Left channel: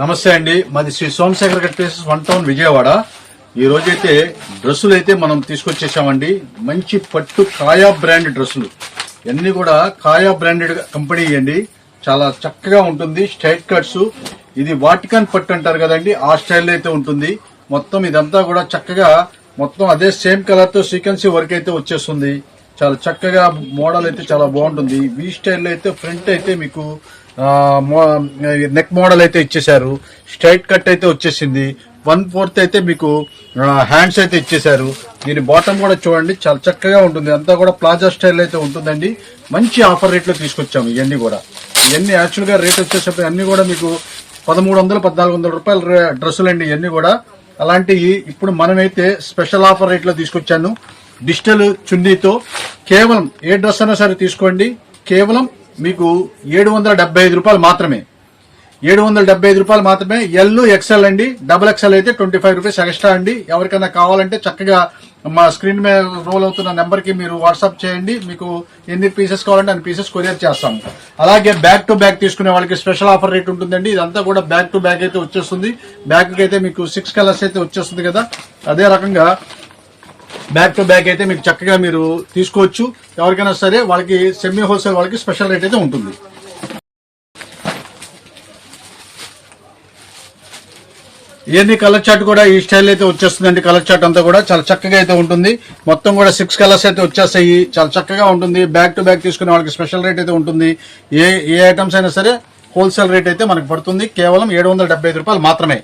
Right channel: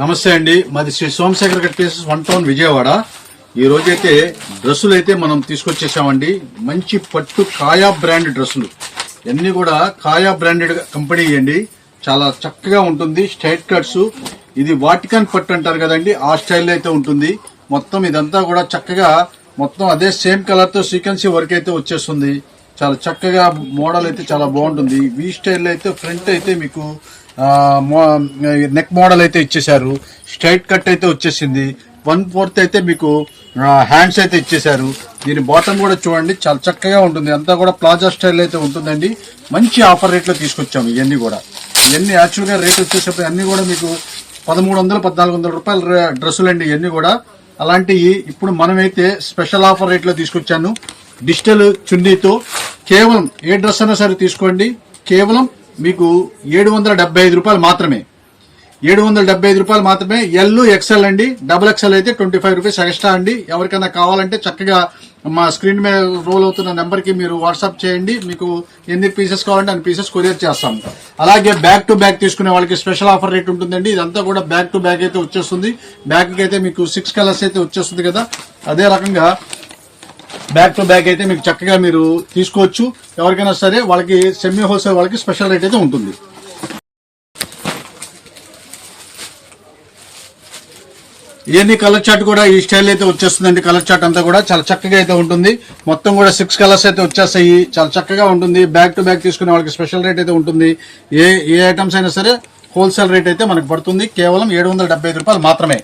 నమస్తే అండి, మాది Shri Somashekhar cut pieces 1 town Vijayawada. ఈ రోజైతే డ్రెస్సులు అయితే మనం తీసుకొచ్చేసామండి. మంచి పట్టు కాయా బ్రాండ్ డ్రెస్సులు, ఇవన్నీ కూడా కాయా బ్రాండెడ్ కంపెనీ అండి. చాలా చక్కగా ఉంటుంది. స్ట్రైట్ కట్స్, ఇది వాటికన్ పట్టు అంటారు కదండి, ఆ స్టైల్ అయితే ఉంటుంది. మొత్తం ఇదంతా కూడా చక్కగా మొత్తం అదే సేమ్ కలర్ తో సీక్వెన్సీ వర్క్ అయితే వచ్చేస్తుంది. చాలా చక్కగా మోడల్ అయితే చాలా బాగుంటుంది. వీ స్టైల్ అయితే ఫ్రంట్ అయితే మీకు నెక్ మోడల్ అయితే ఇచ్చేసారు. స్ట్రైట్ కట్ అయితే వచ్చేసింది. 1/4 అయితే మీకు హ్యాండ్స్ అయితే ఇచ్చేసారు. దీని బాటమ్ కూడా చూడండి, చాలా చక్కగా ఉంటుంది. అంతా కూడా ప్లాజా స్టైల్ అయితే ఉంటుందండి. మంచి ఆఫర్ రేట్ లో తీసుకొచ్చాము. ఇవన్నీ కూడా యాక్చువల్ గా రేట్ వచ్చేసరికి అన్ని కూడా మీకు 1300-1400 రూపాయల డ్రెస్సులు అండి ఇవన్నీ కూడా. అలాంటివి ఇప్పుడు మనమైతే స్పెషల్ ఆఫర్ రేట్ లో తీసుకొచ్చాను. డిజిటల్ చున్నీతో కేవలం ఏ డ్రెస్ అయినా సరే తీసుకోండి, కేవలం మీకు 775 రూపాయలు మాత్రమే. 775 రూపాయలు మాత్రమే. ఎల్ ఎక్స్ఎల్ అండి, డబుల్ ఎక్స్ఎల్ అయితే 25 రూపీస్ ఎక్స్ట్రా అండి. ఎవరికైనా కావాలంటే చక్కగా మా స్క్రీన్ మీద రోల్ అవుతున్న నెంబర్ కి మీరు వాట్సాప్ చేయండి. మీకు ఎన్ని పీసెస్ కావాలంటే అన్ని పీసెస్ కొరియర్ చేస్తాము. అలాగే బ్యాక్ టు బ్యాక్ తీసుకునే వాళ్ళకి స్పెషల్ ఆఫర్ రేట్ ఉంటుందండి. ఇదంతా కూడా బ్యాక్ టు బ్యాక్ అయితే వచ్చేస్తుంది. బ్యాక్ కి అయితే మీకు 6 కలర్స్ అయితే వచ్చేస్తుంది కదా, అదే రకంగా బ్యాక్ టు బ్యాక్ అయితే మీకు చక్కగా మీరు తీసుకోవచ్చు. ఎవరికైనా సరే వాళ్ళకి సెమీ హోల్సేల్ వాళ్ళకి స్పెషల్ రేట్ అయితే ఉంటుంది. ఇవన్నీ కలర్ చార్ట్ కూడా ఈ స్టైల్ అయితే వచ్చేస్తుందండి. కలర్ చార్ట్ అంతా కూడా చాలా చక్కగా అయితే ఉంటుంది. మొత్తం కూడా 6 కలర్స్ అయితే వచ్చేస్తాయి. చాలా చక్కగా ఉంటుంది. బ్యాక్ టు బ్యాక్ తీసుకునే వాళ్ళకి స్పెషల్ రేట్ అయితే ఉంటుంది. ఏ ఐటమ్స్ అయినా సరే హోల్సేల్ రేట్ అయితే మనకు పడుతుంది. కేవలం 775 రూపాయలు మాత్రమే.